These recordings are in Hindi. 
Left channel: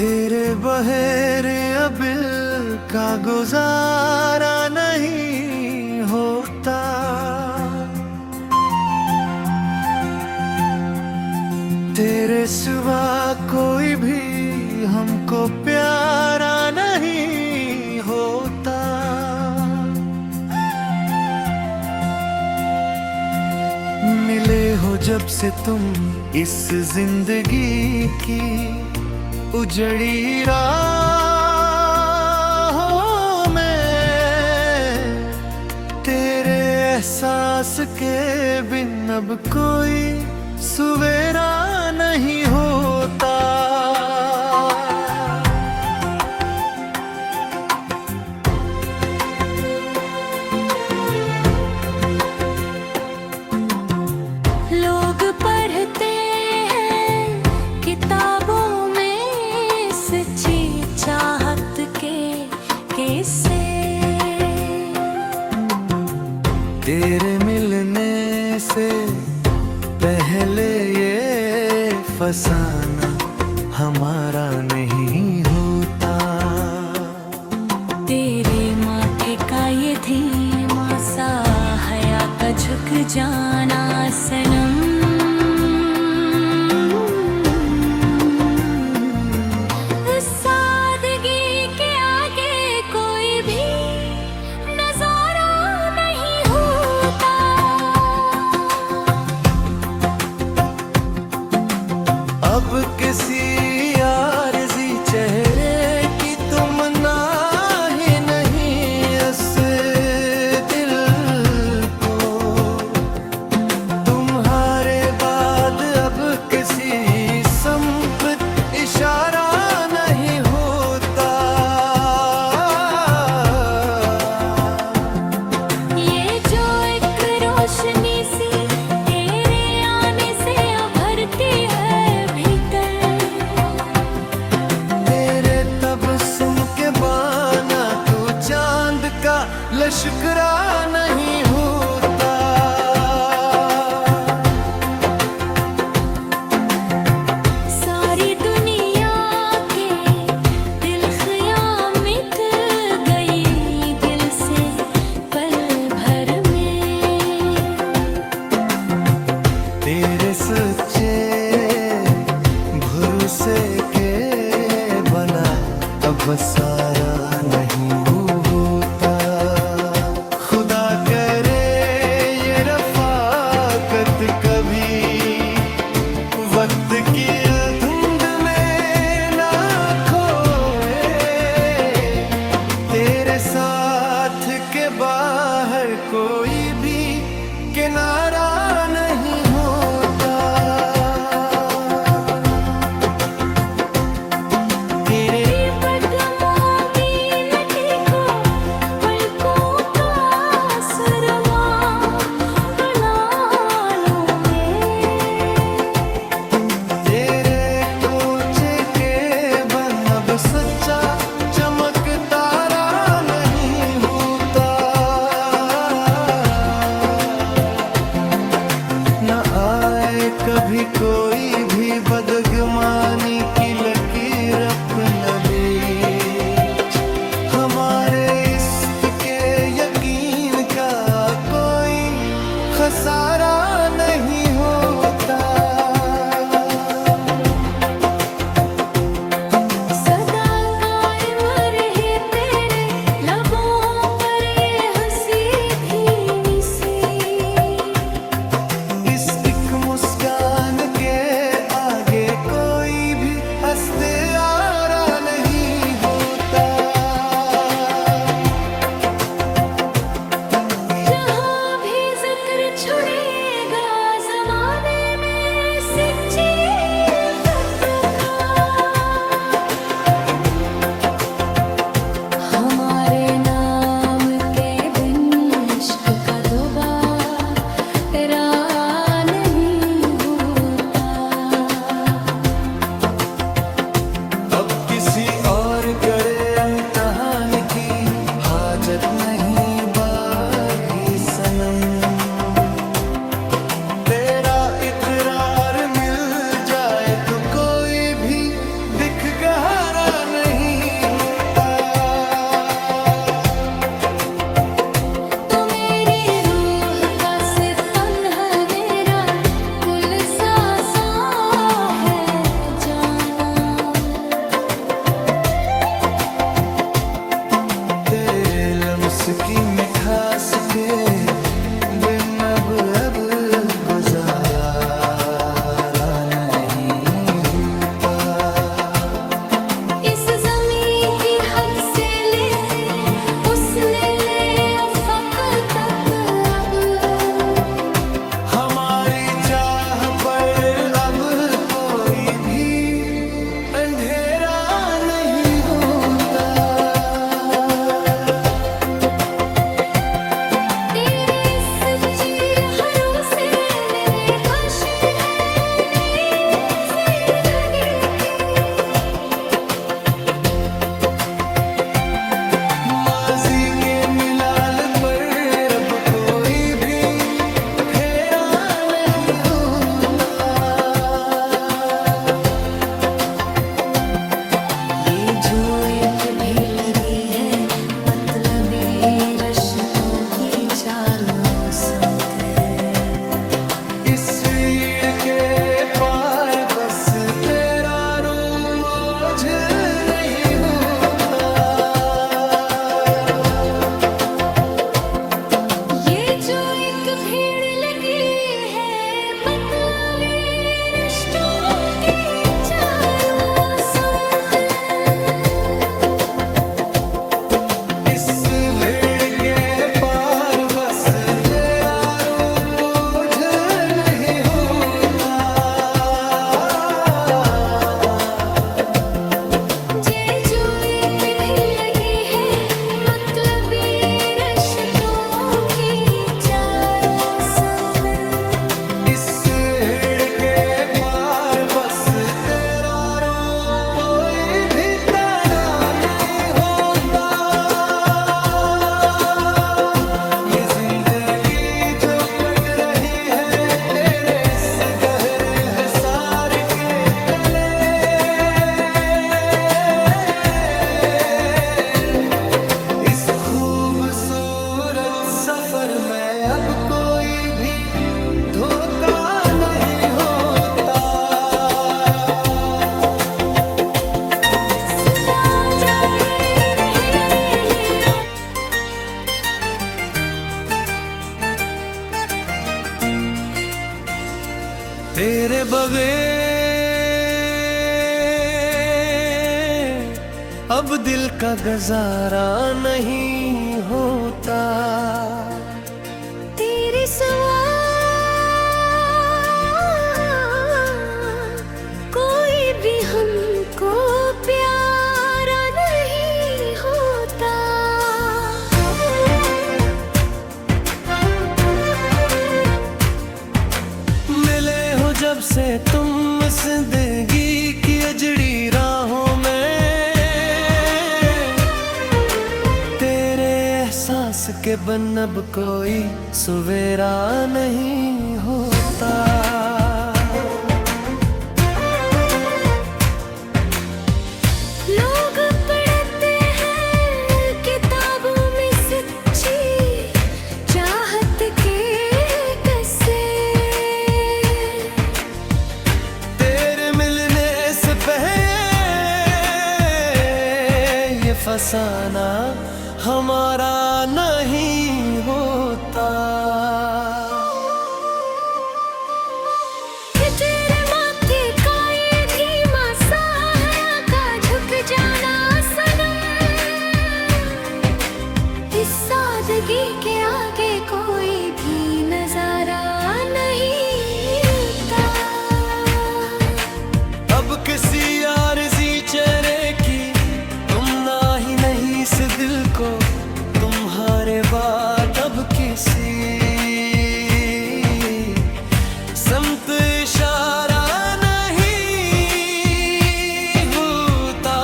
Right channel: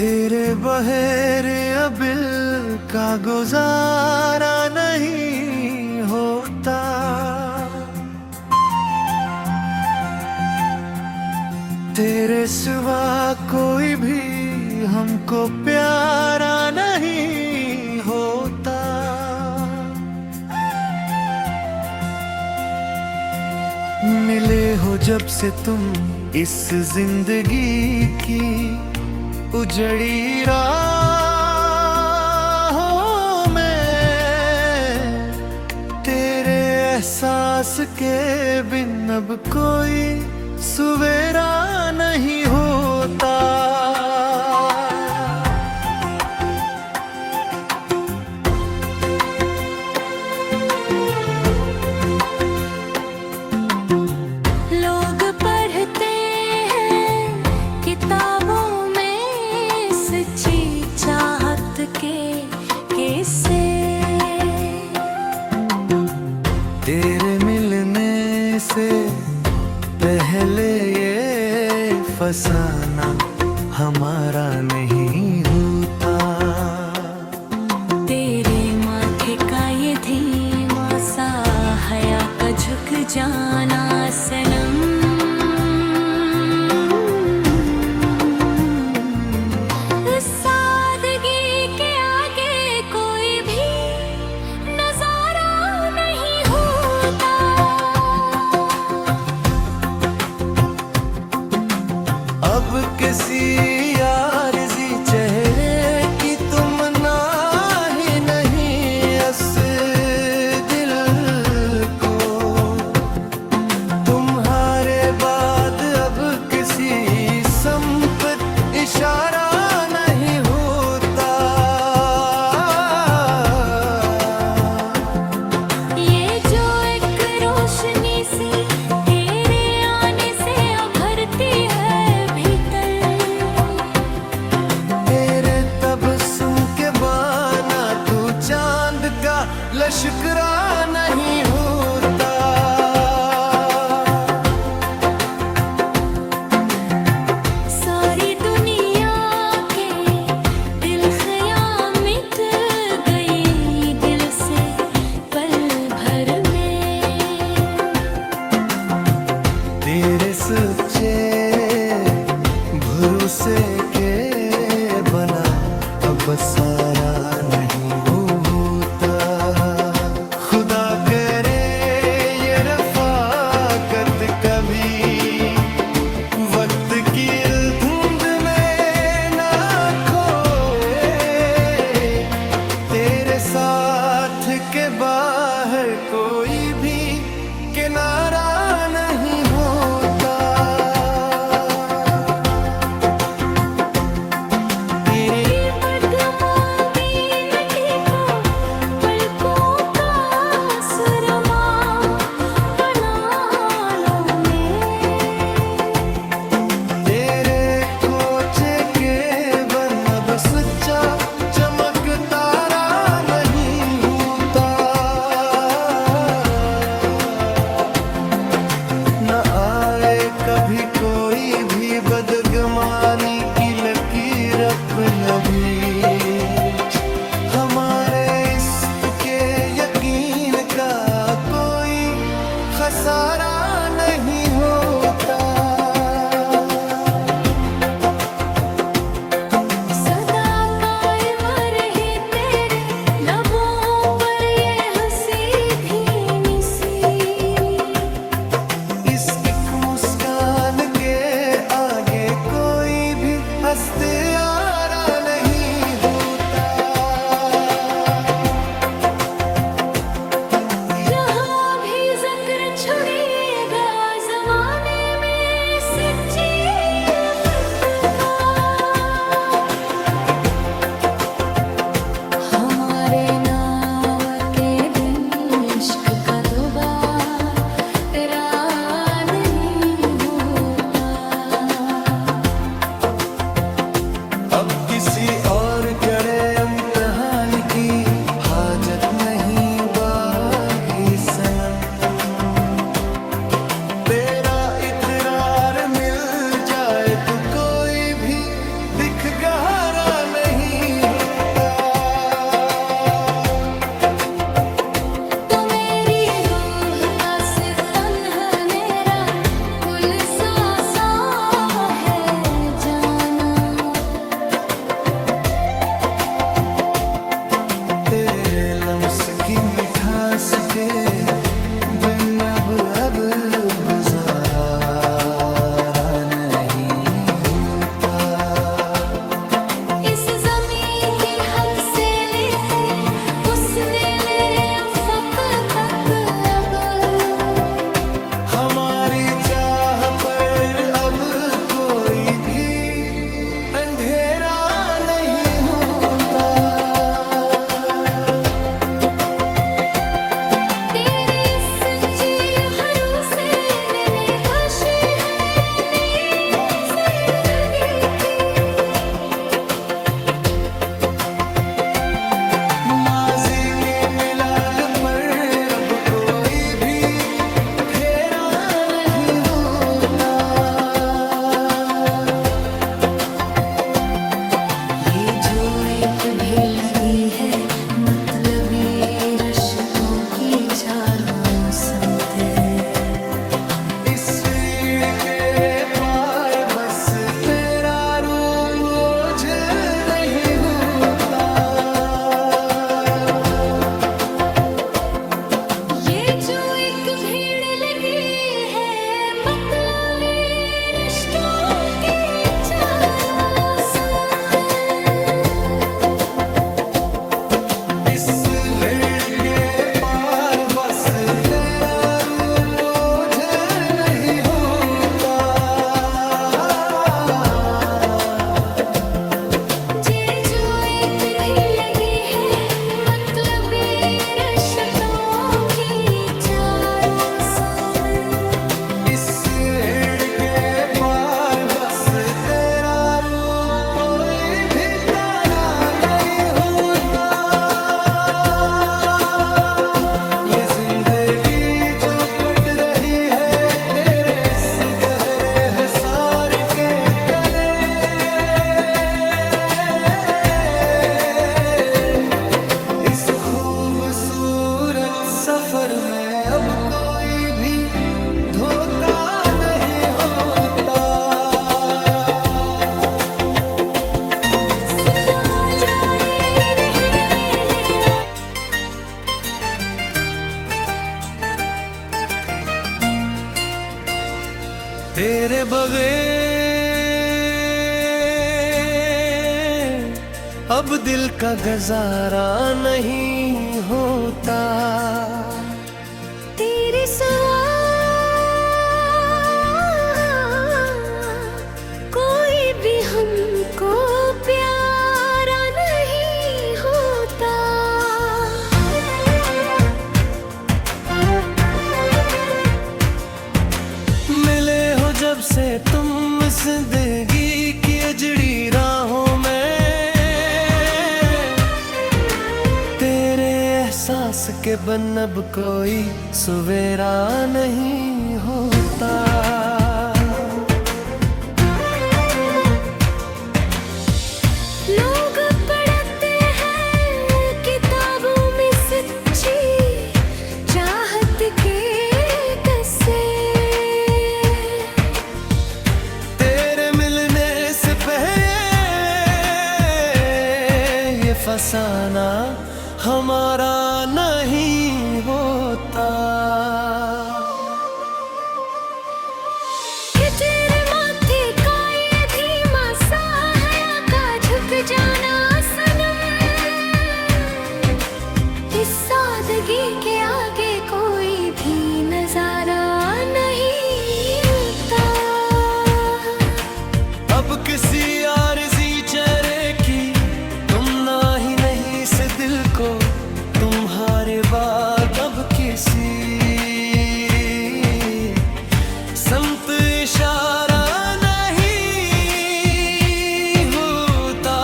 तेरे बहेरे अबिल का गुजारा नहीं होता। तेरे सिवा कोई भी हमको प्यारा नहीं होता। मिले हो जब से तुम इस जिंदगी की उजड़ी राहों में, तेरे एहसास के बिन अब कोई सवेरा नहीं होता। लोग पढ़ते हैं किताबों चाहत के किस्से, तेरे मिलने से पहले ये फसाना हमारा नहीं होता। तेरे माथे का ये धीमा सा हया का झुक जाना सनम, अब किसी आरज़ी चेहरे की तुम ना ही नहीं इस दिल को। तुम्हारे बाद अब किसी संपत इशारा नहीं होता। ये जो एक रोशनी सी तेरे आने से उभरती है, तबस्सुम के बाना तू चांद का लश्करा नहीं होता। सारी दुनिया के दिल ख़याल मिट गई दिल से पल भर में। तेरे सच्चे भरोसे के बना अब सारा नहीं होता। खुदा करे ये रफ़ाकत कभी वक्त की धुंध में ना खोए। तेरे साथ के बाहर कोई भी किनारा नहीं होता। सच्चा चमक तारा नहीं होता। न आए कभी कोई भी बदगुमानी की लकीर अपना बीच। हमारे इश्क के यकीन का कोई खसारा नहीं होता। मुस्कान के आगे कोई भी हंसते आरा नहीं होता। जहाँ भी ज़िक्र छुड़ेगा ज़माने में सच्ची इफ़्फ़त का, हमारे नाम के बिन इश्क का दोबारा अब किसी और कड़े इम्तिहान की हाजत नहीं बाकी सनम। तेरा इकरार मिल जाए तो कोई भी दिख गहरा नहीं होता। तो मेरी रूह का सितन है, मेरा कुल सा है जाना। तेरे लम्स की मिठास के बिन अब गुजारा नहीं होता। इस ज़मीं की हद से लेते उसने ले अफ़क़ तक, अब हमारी चाह पर अब कोई भी अंधेरा नहीं होता। तेरी सच्ची हरू से मैंने खुशी है नई ज़िंदगी की। माजी के मिलाल पर अब कोई भी फेरा नहीं होता। ये जो एक भी लगी है मतलबी रिश्तों की चारों समते। इस भीड़ के पार बस तेरा रूप ओझल नहीं होता। ये जो एक भीड़ लगी है मतलबी रिश्तों की चारों समते। इस भीड़ के पार बस तेरा रूप ओझल नहीं होता। ये जो एक भी लगी है मतलबी रिश्तों की चारों समते। इस भीड़ के पार बस तेरा रूप कोई भी तारा नहीं होता। ये जिंदगी जो कट रही है तेरे इस गहरे हुसार के तले। इस खूबसूरत सफर में अब कोई भी धोखा नहीं होता। सदा जारी रहेगी तेरे बगैर अब दिल का गुजारा नहीं होता। तेरे सिवा कोई भी हमको प्यारा नहीं होता। मिले हो जब से तुम जिंदगी की अजड़ी राहों में, तेरे एहसास के बन अब कोई सवेरा नहीं होता। लोग पढ़ते हैं किताबों में सच्ची चाहत के किस्से। तेरे मिलने से पहले ये फसाना हमारा नहीं होता। कि तेरे माथे का ये धीमा सा हया का झुक जाना सनम। इस सादगी के आगे कोई भी नजारा नहीं होता। अब किसी आरज़ी चेहरे की तुम ना ही नहीं इस दिल को, तुम्हारे बाद अब किसी समत इशारा नहीं होता।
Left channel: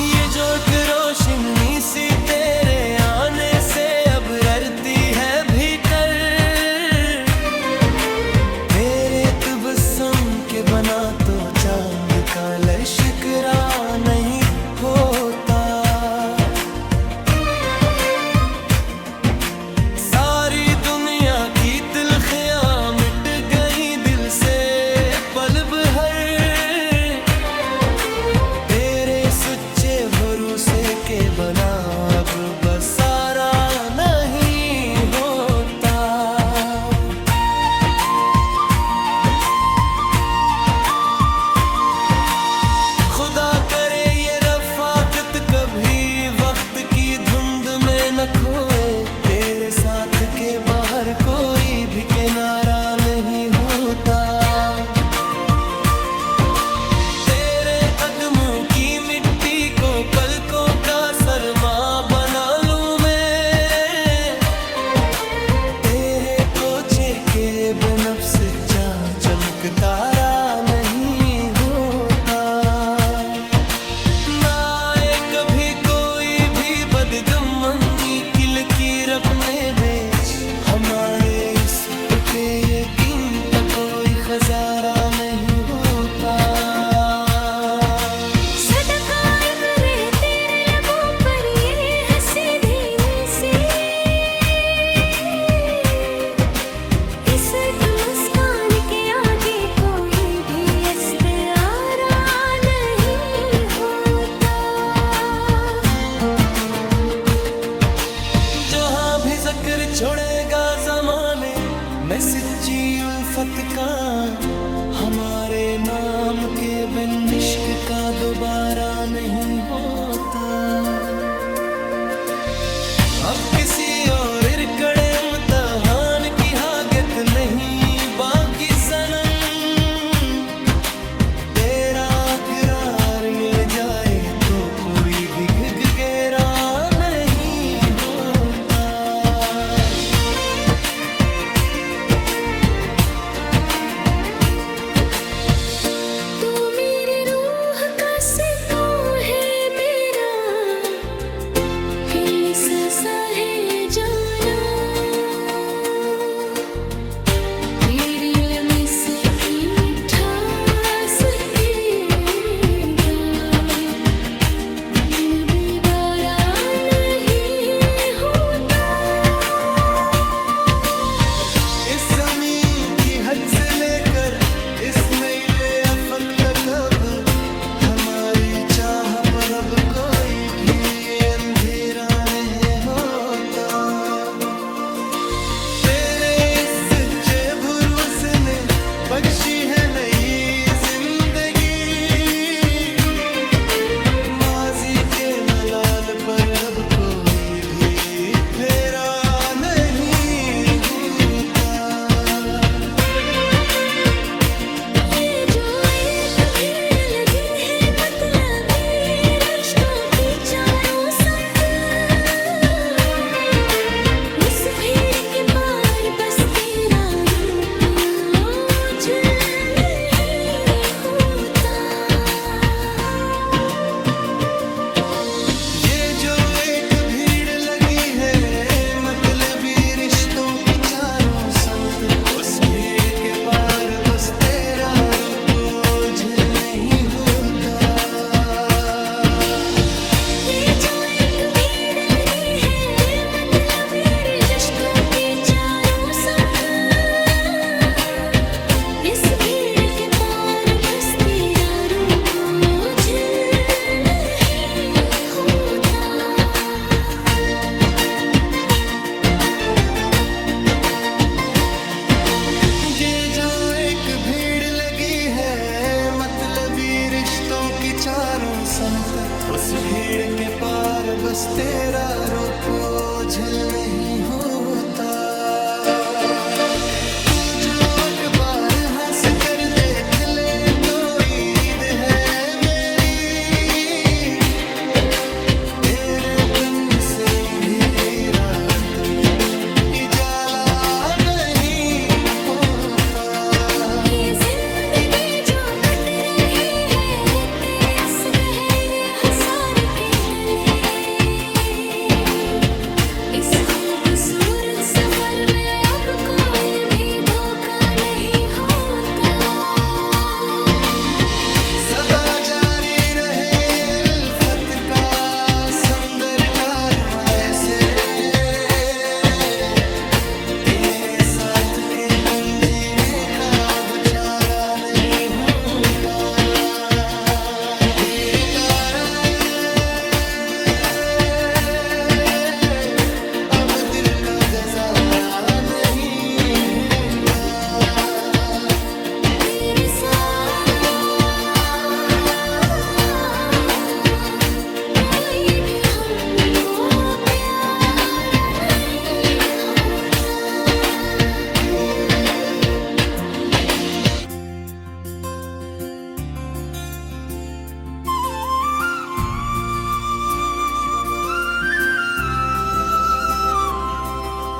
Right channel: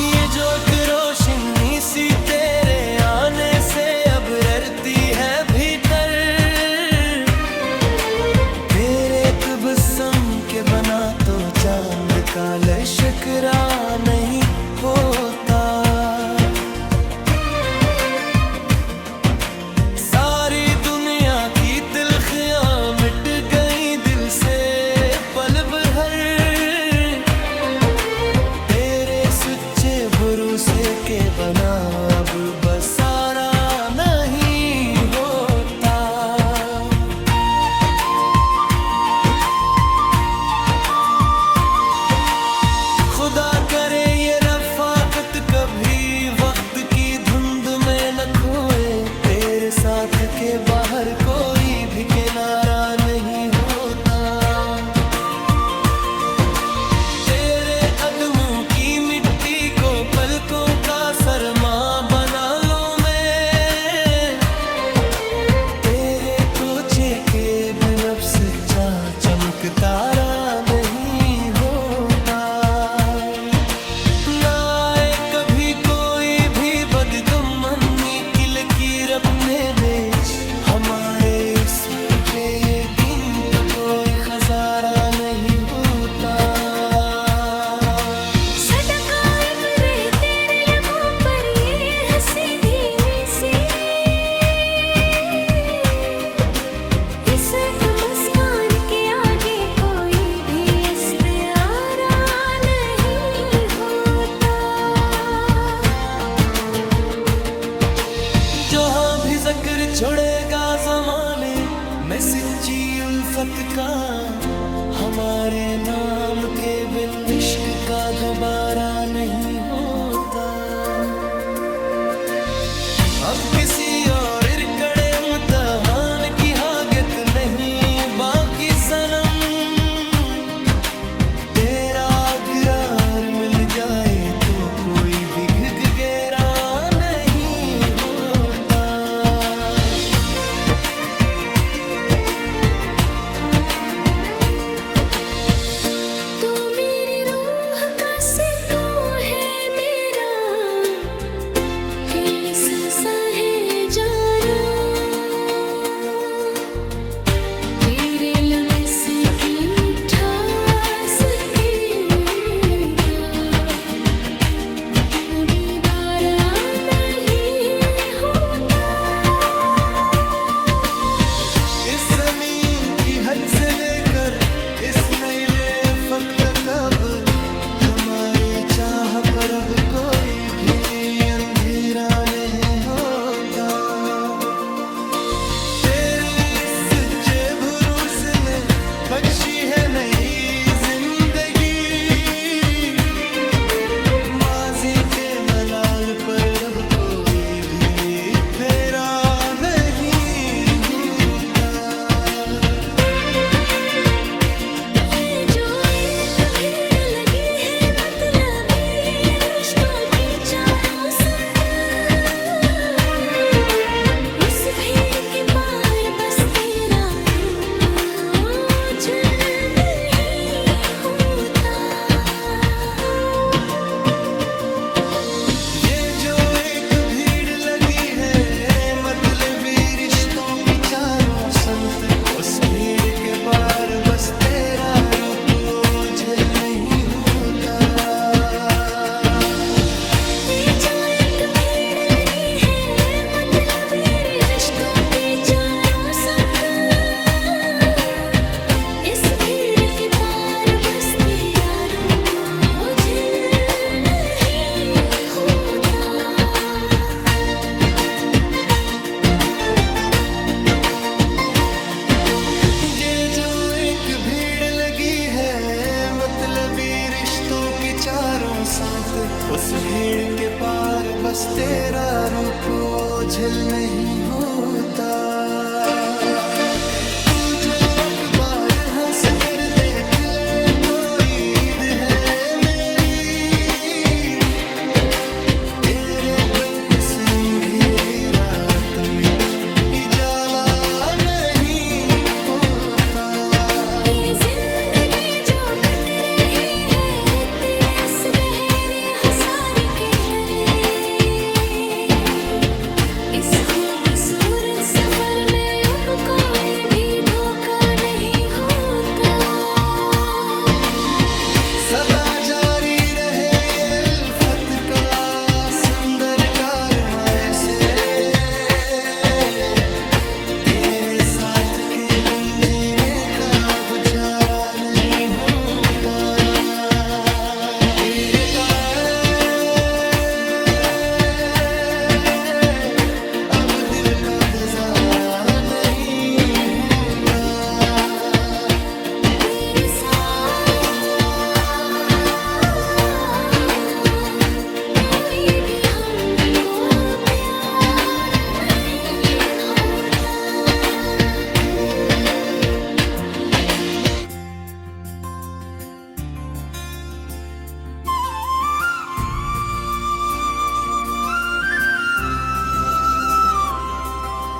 ये जो एक रोशनी सी तेरे आने से अब ररती है भीतर, तेरे ख्याल शिकरा नहीं होता। सारी दुनिया की तिलखियां मिट गई दिल से पल भर, तेरे सच्चे भरोसे के बना अब बसारा नहीं होता। खुदा करे ये रफाकत कभी वक्त की धुंध में न खोए, तेरे साथ के बाहर कोई भी किनारा नहीं होता। तेरे कदमों की मिट्टी को पलकों का सरमा बना लूं मैं, तेरे कोचे के बिन अब सच्चा चमकतारा नहीं होता। ना आए कभी कोई भी बदगमनी की लकीर अपने बेच, हमारे इश्क के ये दिन तक कोई खजारा नहीं होता। जिक्र छोड़ेगा जमाने में सच्ची उल्फत का, हमारे नाम के बिन इश्क का दोबारा नहीं होता। अब किसी और इरकड़े इम्तिहान की हाजत नहीं बाकी सनम, तेरा अगरार मिल जाए तो कोई भी घिघेरा नहीं होता। तू मेरी रूह का सितू है, मेरा दिल सा है जाना, तेरे लम्हे से की मिठास दीदारा नहीं होता। इस ज़मीन की हद से लेकर इस नैले अफक तक अब हमारी चाह पर अब कोई भी अंधेरा नहीं होता। तेरे इस सच्चे भरोसे में बख्शी है नई जिंदगी, माजी के मलाल पर अब कोई भी फेरा नहीं होता। ये जो एक भीड़ लगी है मतलबी रिश्तों की चारों संग, उस भीड़ के पार बस तेरा रूप ओझल नहीं होता। ये जो एक भीड़ लगी है मतलबी रिश्तों की चारों समत, उस भीड़ के बार बस तेरा रूप ओझल नहीं होता। ये जो एक भीड़ लगी है मतलबी रिश्तों की चारों संग, इस भीड़ के पार बस तेरा रूप ओझल नहीं होता। ये जो एक भीड़ लगी है मतलबी रिश्तों की चारों समत, उस भीड़ के पार बस तेरा रूप ओझल नहीं होता। तू जो अखबार हंस कर देख ले तो ईद है मेरी, तेरे बिन से अंधेरी रात में उजाला नहीं होता। ये जिंदगी जो कट रही है तेरे असगहरे हसार के तले, इस खूबसूरत सफर में अब कोई भी धोखा नहीं होता। जारी रहे ये उल्फत का संदर कारवां ऐसे, तेरे साथ के बिन जीने का अब चारा नहीं होता। तेरे अब दिल का गुजारा नहीं होता। तेरे साथ कोई भी हमको प्यारा नहीं होता।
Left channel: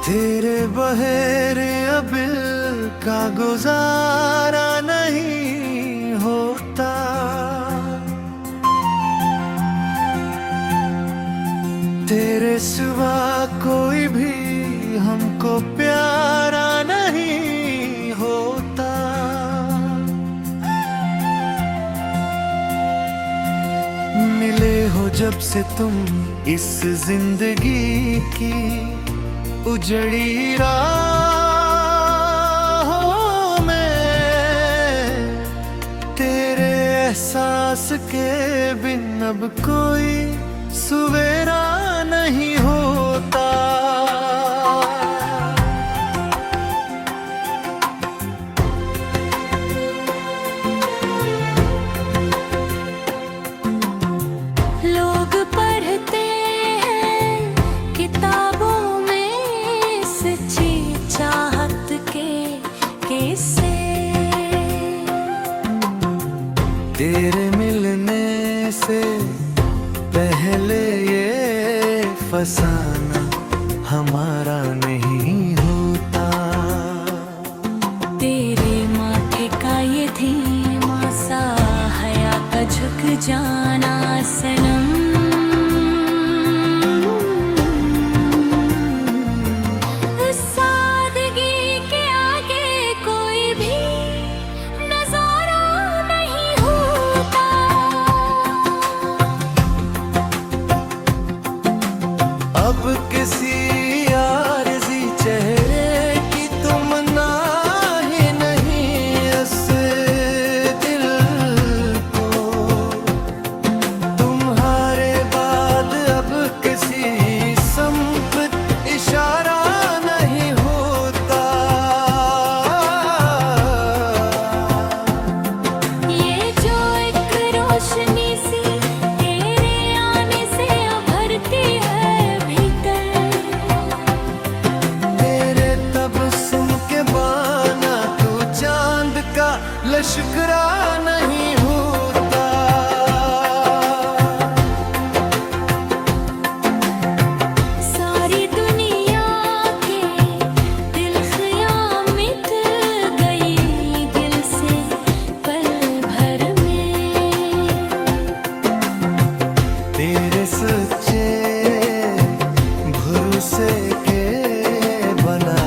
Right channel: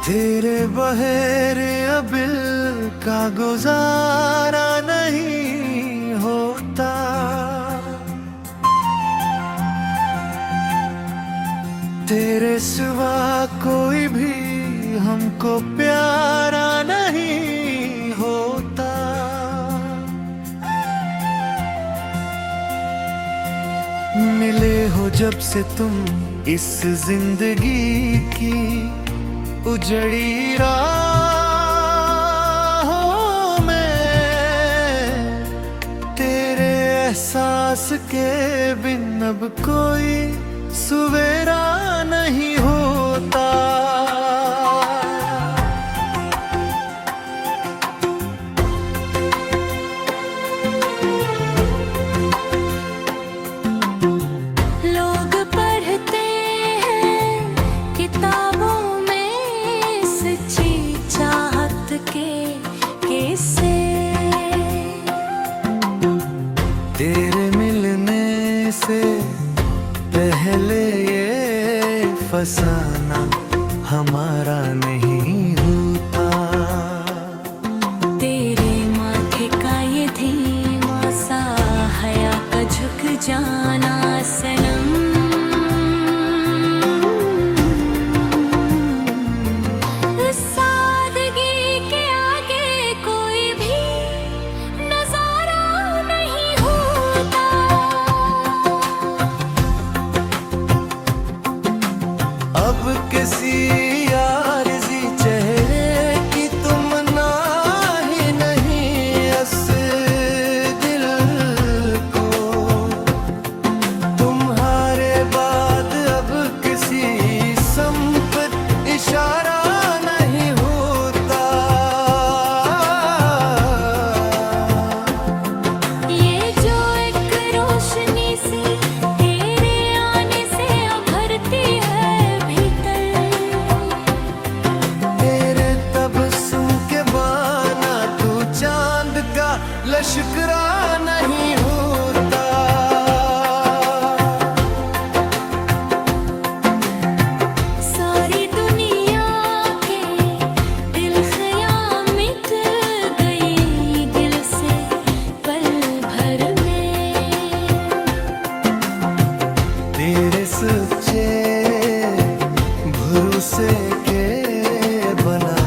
तेरे बहेरे अबिल का गुजारा नहीं होता। तेरे सिवा कोई भी हमको प्यारा नहीं होता। मिले हो जब से तुम इस जिंदगी की उजड़ी राहों में, तेरे एहसास के बिन अब कोई सवेरा नहीं होता। लोग पढ़ते हैं किताबों सच्ची चाहत के किस्से, तेरे मिलने से पहले ये फसाना हमारा नहीं होता। तेरे माथे का ये धीमा सा हया का झुक जाना सनम, अब किसी आरज़ी चेहरे की तुम ना ही नहीं अस दिल को, तुम्हारे बाद अब किसी संपत इशारा नहीं होता। ये जो एक रोशनी सी तेरे आने से उभरती है, तबस्सुम के बाना तू चांद का लश्करा नहीं होता। सारी दुनिया के दिल ख़याल मिट गई दिल से पल भर में, तेरे सच्चे भरोसे के बना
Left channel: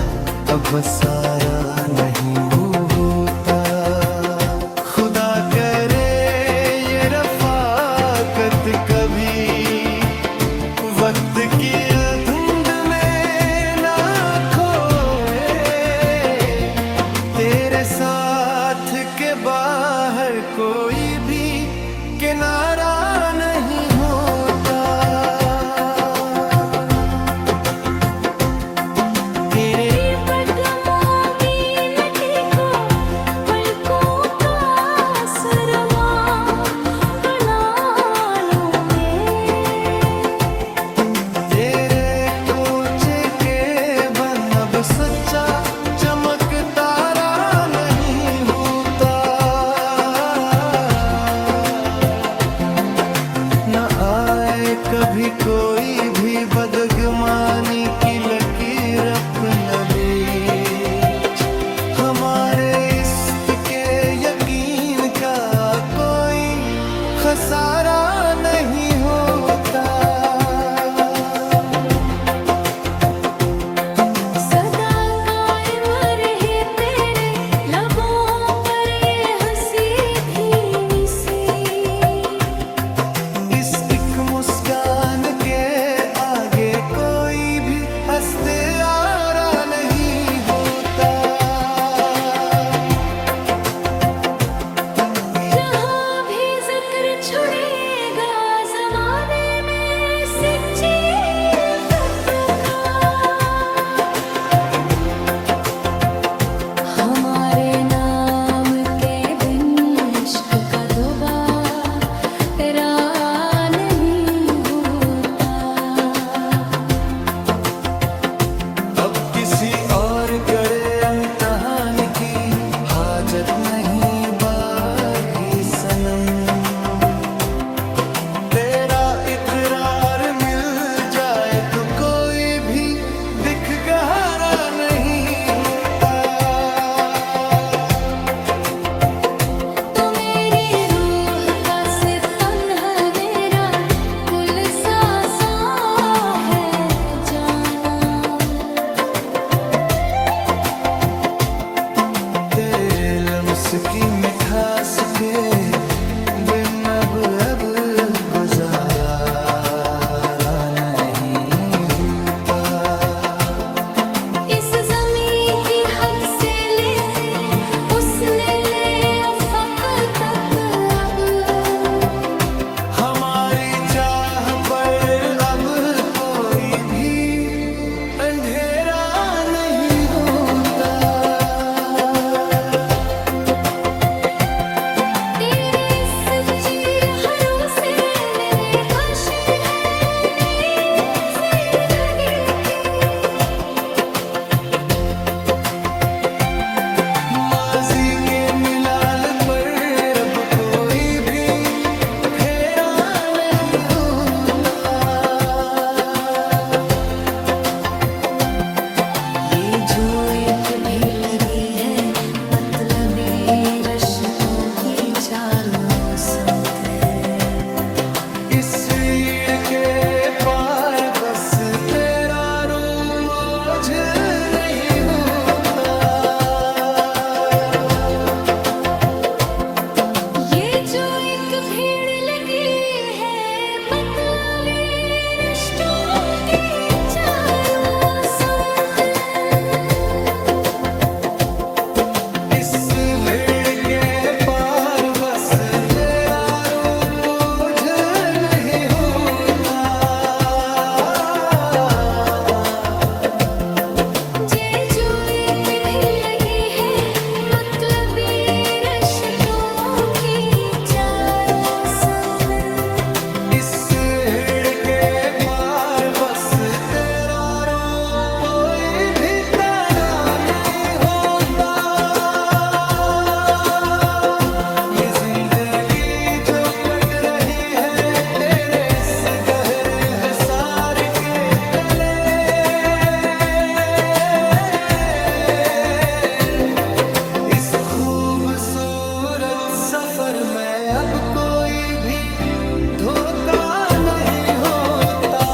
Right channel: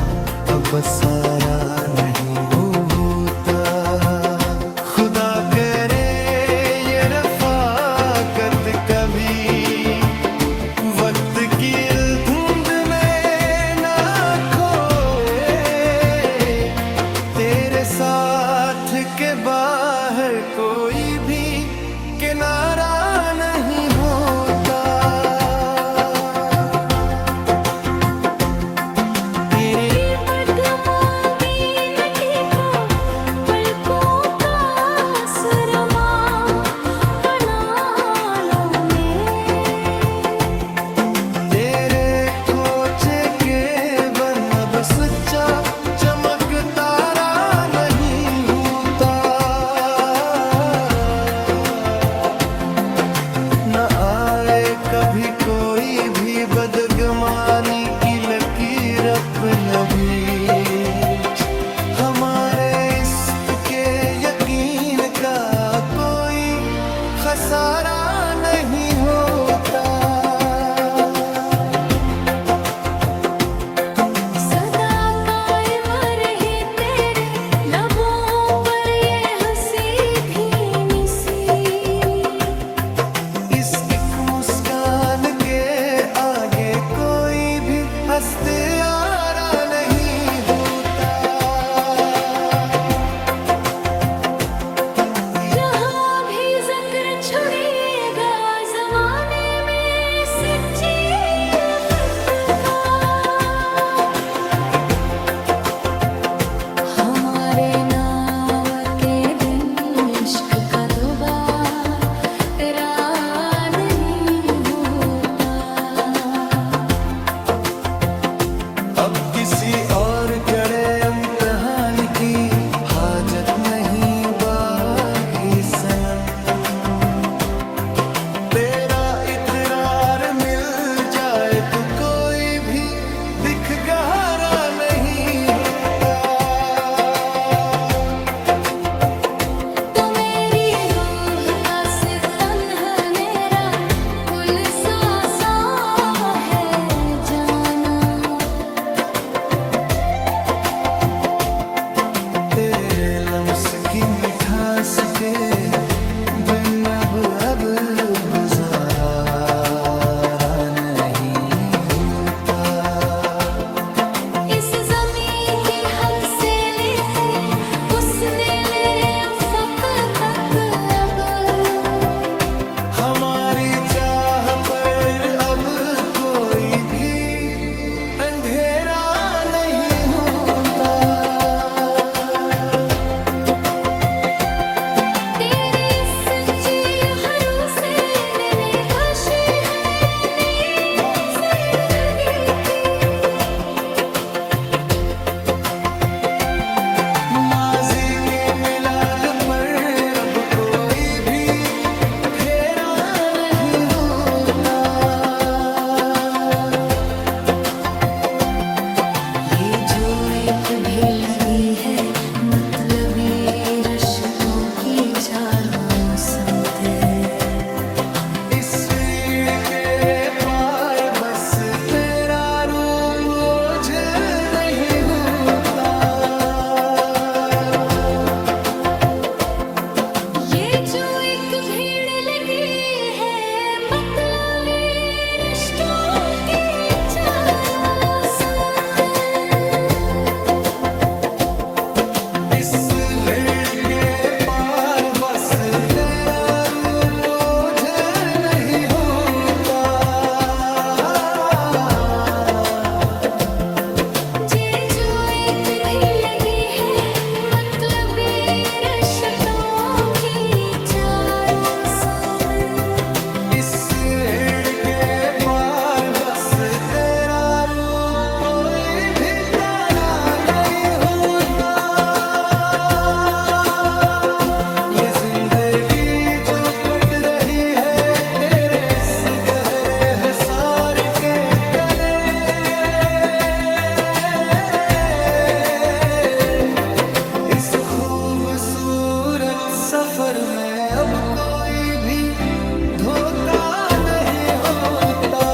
अब सारा नहीं होता। खुदा करे ये रफ़ाकत कभी वक्त की धुंध में ना खोए, तेरे साथ के बाहर कोई भी किनारा नहीं होता। सच्चा चमक तारा नहीं होता। न आए कभी कोई भी बदगुमानी की लकीर अपना बीच, हमारे इश्क के यकीन का कोई खसारा नहीं होता। बनेगा जमाने में सच्ची इल्फत का। हमारे नाम के बिन इश्क का दोबारा नहीं होता। अब किसी और कड़े इम्तिहान की हाजत नहीं बाकी सनम। तेरा इकरार मिल जाए तो कोई भी दिख गहरा नहीं होता। तो मेरी रूह का सितन है, मेरा कुल सासा है जाना। तेरे लम्स की मिठास के बिन अब गुजारा नहीं होता। इस ज़मीं की हद से लेते उसने ले अफ़क़ तक। अब हमारी चाह पर अब कोई भी अंधेरा नहीं होता। तेरी सच्ची भरोसे मैंने खुशी है नई ज़िंदगी की। माजी के मिलाल पर अब कोई भी फेरा नहीं होता। ये जो एक भी लगी है मतलबी रिश्तों की चारों समते। इस भीड़ के पार बस तेरा रूप ओझल नहीं होता। ये जो एक भीड़ लगी है मतलबी रिश्तों की चारों समते। इस भीड़ के पार बस तेरा रूप ओझल नहीं होता। ये जो एक भी लगी है मतलबी रिश्तों की चारों समते। इस भीड़ के पार बस तेरा रूप कोई भी तारा नहीं होता। ये जिंदगी जो कट रही है तेरे इस गहरे हुसार के तले। इस खूबसूरत सफर में अब कोई भी धोखा नहीं होता।